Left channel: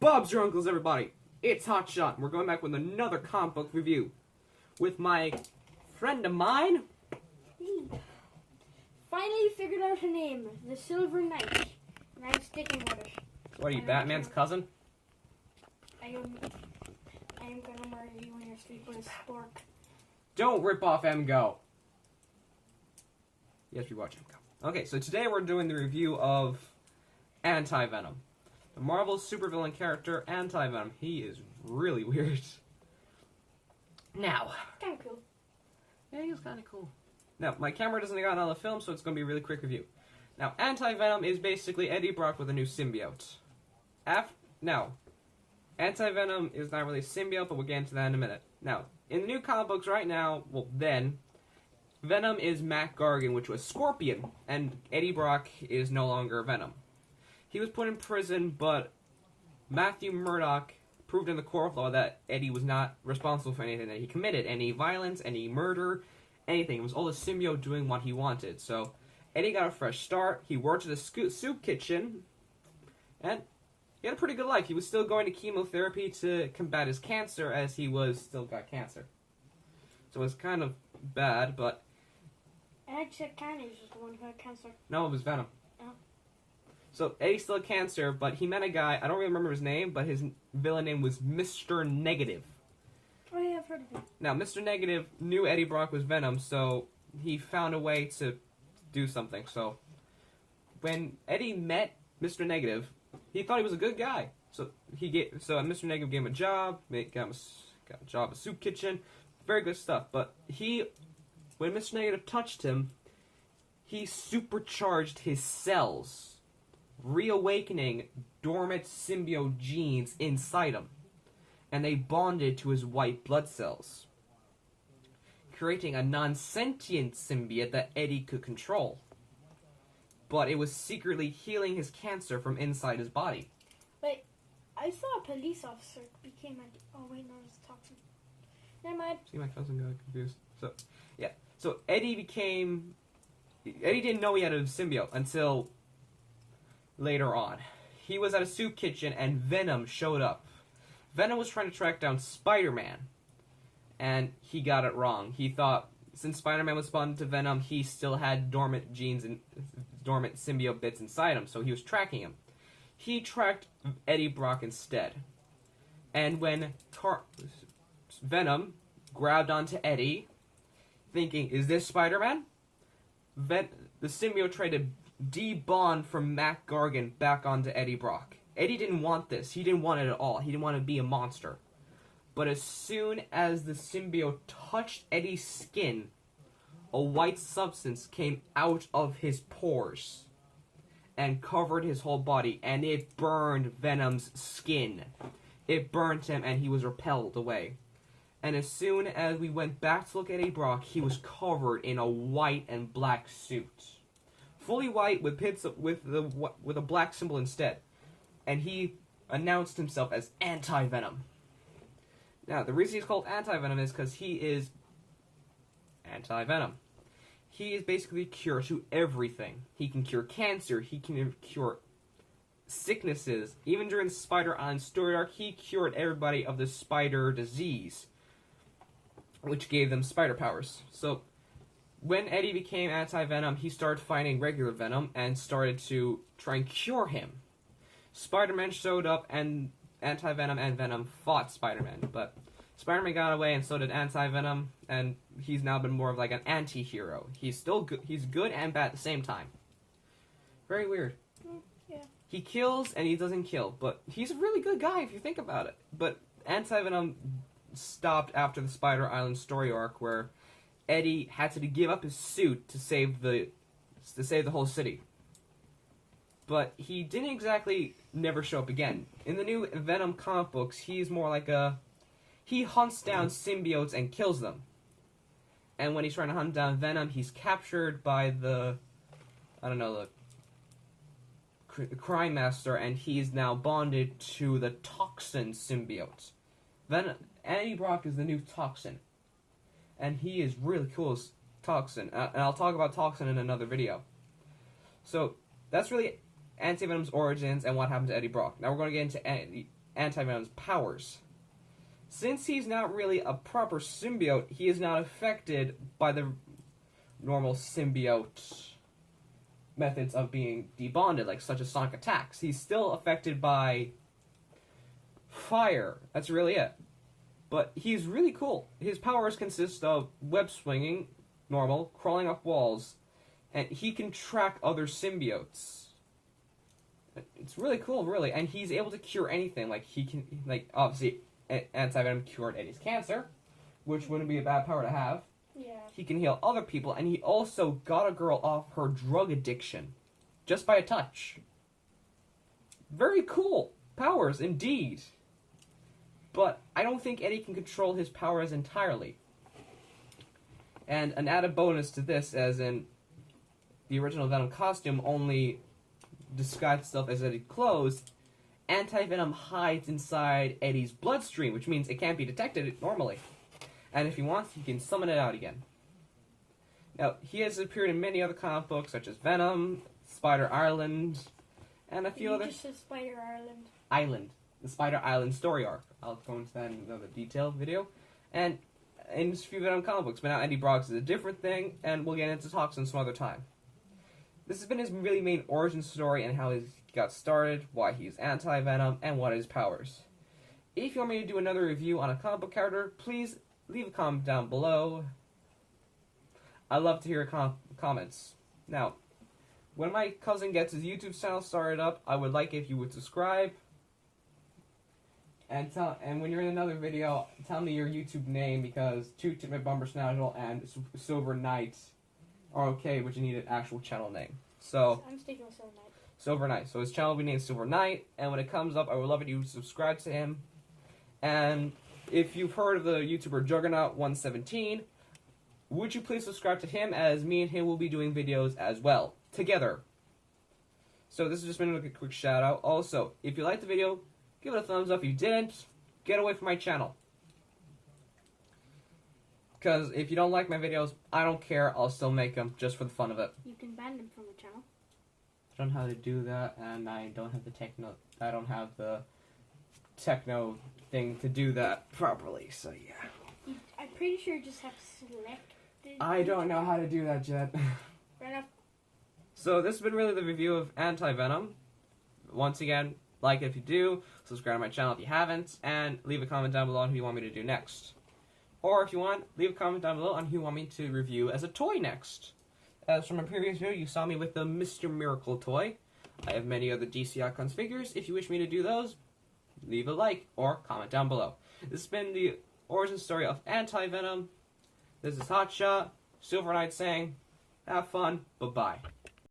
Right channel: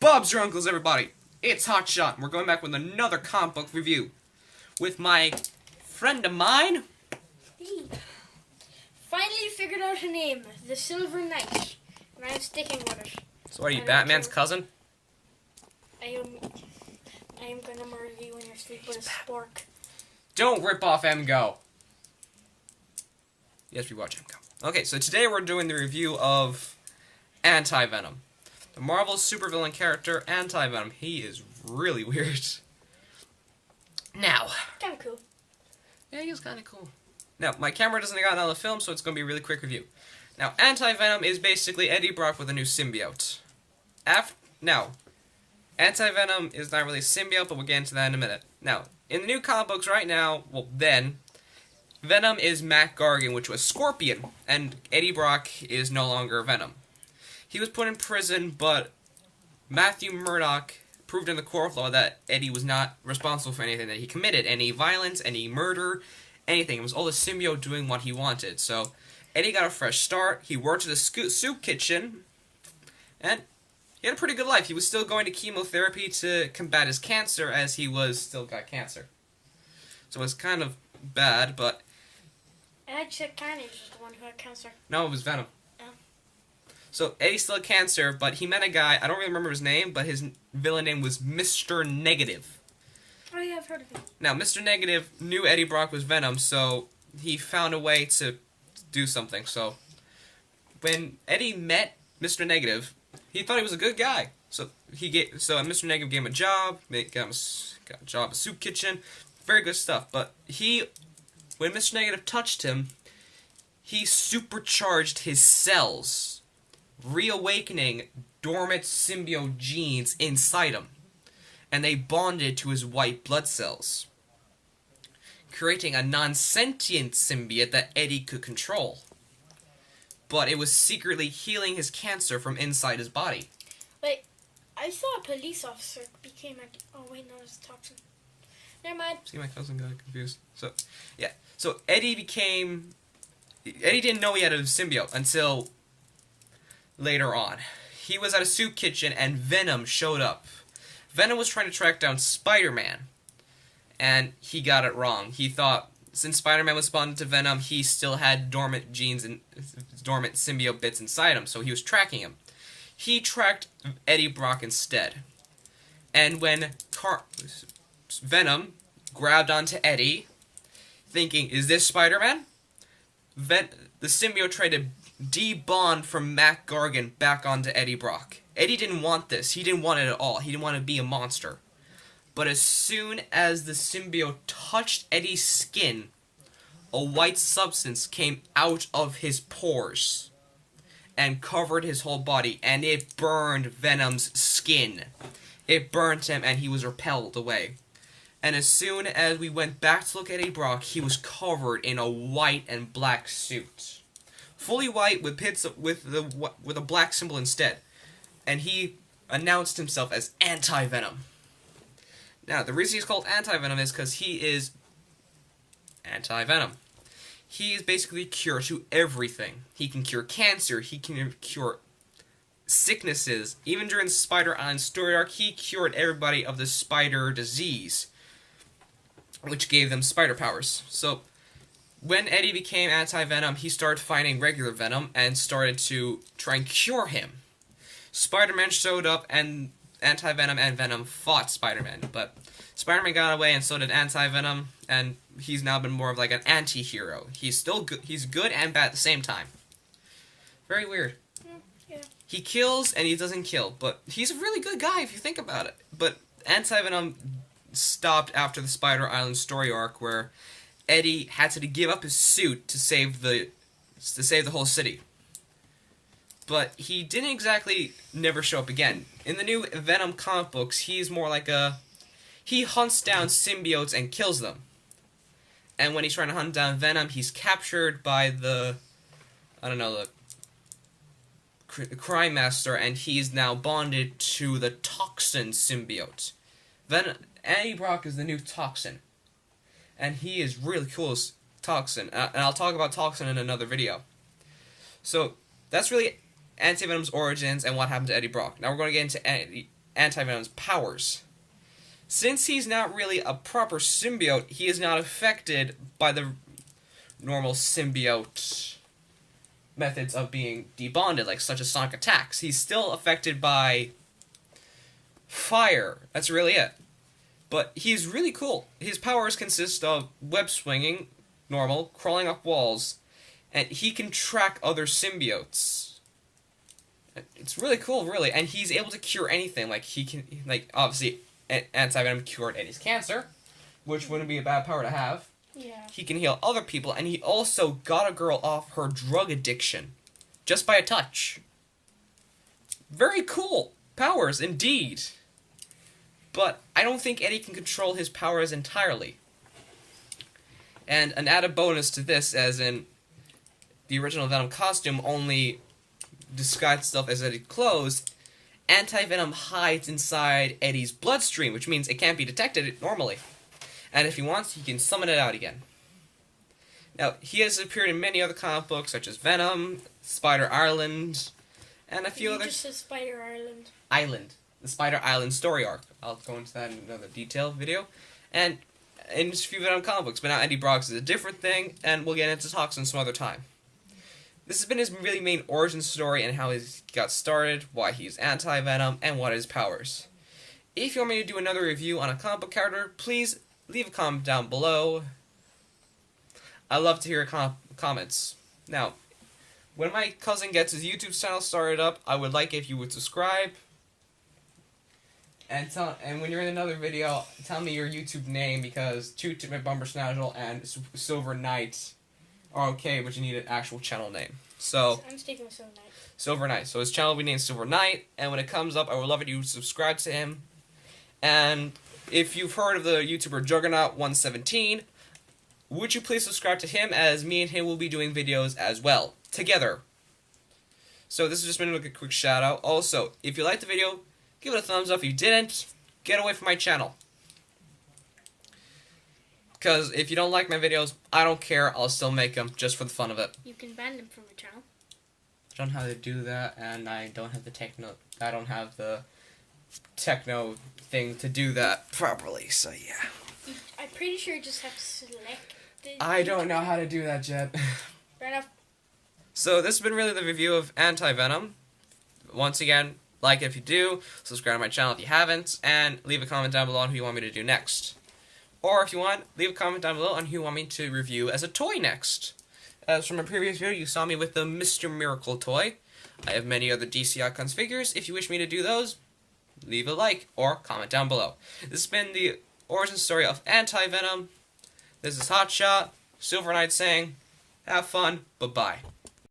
Bob's your uncles, everybody. It's HotShot, and we're going back with another comic book review with my friend of mine. Hey. Finally figured out a name, the Silver Knight, and I'm sticking with it. So what are you, Batman's cousin? I am gonna murder you when you're asleep with a spork. Don't rip off Go. Yes, we watch Go. Okay, so today we're doing the review of Anti-Venom. The Marvel supervillain character, Anti-Venom. He is really weird. Now. Kinda cool. Yeah, he was kinda cool. Now, my camera doesn't got another film, so it's gonna be a really quick review. Now, Anti-Venom is basically Eddie Brock with a new symbiote. Now, Anti-Venom is not really a symbiote, but we'll get into that in a minute. Now, in the new comic books right now, Venom is Matt Gargan, which was Scorpion, and Eddie Brock is no longer Venom. He was put in prison, but Matthew Murdock proved in the court of law that Eddie was not responsible for anything that he committed, any violence, any murder, anything. It was all the symbiote doing what he wanted. So Eddie got a fresh start. He worked at a soup kitchen, and he had a pretty good life. He was still going to chemotherapy to combat his cancer, as he still got cancer. So it was kind of bad, but... Actually, Carnage was the one who had cancer. No, it was Venom. Oh. So Eddie still had cancer, but he met a guy, I don't really remember his name, but his villain name was Mr. Negative. Oh yeah, I've heard of him. Now, Mr. Negative knew Eddie Brock was Venom, so he found a way to do something. So when Eddie met Mr. Negative, he thought he was a good guy. So Mr. Negative gave him a job, got a job at a soup kitchen, very good stuff. But when Mr. Negative touched him, he supercharged his cells, reawakening dormant symbiote genes inside him, and they bonded to his white blood cells, creating a non-sentient symbiote that Eddie could control. But it was secretly healing his cancer from inside his body. Wait, I saw a police officer became oh wait, no, it's a toxin. Never mind. See, my cousin got confused. So, yeah. So Eddie didn't know he had a symbiote until later on. He was at a soup kitchen and Venom showed up. Venom was trying to track down Spider-Man, and he got it wrong. He thought since Spider-Man was bonded to Venom, he still had dormant genes and dormant symbiote bits inside him, so he was tracking him. He tracked Eddie Brock instead. And when Venom grabbed onto Eddie, thinking, is this Spider-Man? The symbiote tried to de-bond from Matt Gargan back onto Eddie Brock. Eddie didn't want this. He didn't want it at all. He didn't want to be a monster. But as soon as the symbiote touched Eddie's skin, a white substance came out of his pores and covered his whole body, and it burned Venom's skin. It burnt him, and he was repelled away. And as soon as we went back to look at Eddie Brock, he was covered in a white and black suit. Fully white with a black symbol instead. And he announced himself as Anti-Venom. Now, the reason he's called Anti-Venom is because he is Anti-Venom. He is basically a cure to everything. He can cure cancer, he can cure sicknesses. Even during the Spider Island story arc, he cured everybody of the spider disease, which gave them spider powers. So, when Eddie became Anti-Venom, he started fighting regular Venom and started to try and cure him. Spider-Man showed up, and Anti-Venom and Venom fought Spider-Man, but Spider-Man got away, and so did Anti-Venom, and he's now been more of like an anti-hero. He's still good. He's good and bad at the same time. Very weird. Yeah. He kills and he doesn't kill, but he's a really good guy if you think about it. But Anti-Venom stopped after the Spider Island story arc, where Eddie had to give up his suit to save the whole city. But he didn't exactly never show up again. In the new Venom comic books, he's more like he hunts down symbiotes and kills them. And when he's trying to hunt down Venom, he's captured by the crime master, and he's now bonded to the toxin symbiote. Eddie Brock is the new toxin. And he is really cool as Toxin. And I'll talk about Toxin in another video. So, that's really Anti-Venom's origins and what happened to Eddie Brock. Now we're going to get into anti-venom's powers. Since he's not really a proper symbiote, he is not affected by the normal symbiote methods of being debonded, like such as sonic attacks. He's still affected by fire. That's really it. But he's really cool. His powers consist of web swinging, normal, crawling up walls, and he can track other symbiotes. It's really cool, really, and he's able to cure anything. Like he can, like obviously, anti-venom cured Eddie's cancer, which wouldn't be a bad power to have. Yeah. He can heal other people, and he also got a girl off her drug addiction, just by a touch. Very cool powers, indeed. But I don't think Eddie can control his powers entirely. And an added bonus to this, as in the original Venom costume only disguised itself as Eddie's clothes, anti-venom hides inside Eddie's bloodstream, which means it can't be detected normally. And if he wants, he can summon it out again. Now, he has appeared in many other comic books, such as Venom, Spider Island, and a few others. You just said Spider Island. Island. The Spider Island story arc. I'll go into that in another detailed video. And in just a few Venom comic books, but now Eddie Brock is a different thing, and we'll get into Toxin some other time. This has been his really main origin story and how he got started, why he's anti-venom, and what are his powers. If you want me to do another review on a comic book character, please leave a comment down below. I love to hear comments. Now, when my cousin gets his YouTube channel started up, I would like if you would subscribe. And when you're in another video, tell me your YouTube name, because Toot Toot My Bumper Snazzle and Silver Knight are okay, but you need an actual channel name. So I'm sticking with Silver Knight. Silver Knight. So his channel will be named Silver Knight, and when it comes up, I would love it if you subscribe to him. And if you've heard of the YouTuber Juggernaut117, would you please subscribe to him, as me and him will be doing videos as well, together. So this has just been a quick shout out. Also, if you liked the video, give it a thumbs up. If you didn't, get away from my channel. Because if you don't like my videos, I don't care. I'll still make them just for the fun of it. You can ban them from your channel. I don't know how to do that, and I don't have the techno thing to do that properly, so yeah. I'm pretty sure you just have to select the... I don't know how to do that, Jet. Fair enough. So this has been really the review of anti-venom. Once again, like it if you do, subscribe to my channel if you haven't, and leave a comment down below on who you want me to do next. Or if you want, leave a comment down below on who you want me to review as a toy next. As from a previous video, you saw me with the Mr. Miracle toy. I have many other DC Icons figures. If you wish me to do those, leave a like or comment down below. This has been the origin story of anti-venom. This is HotShot, Silver Knight saying, have fun, bye-bye.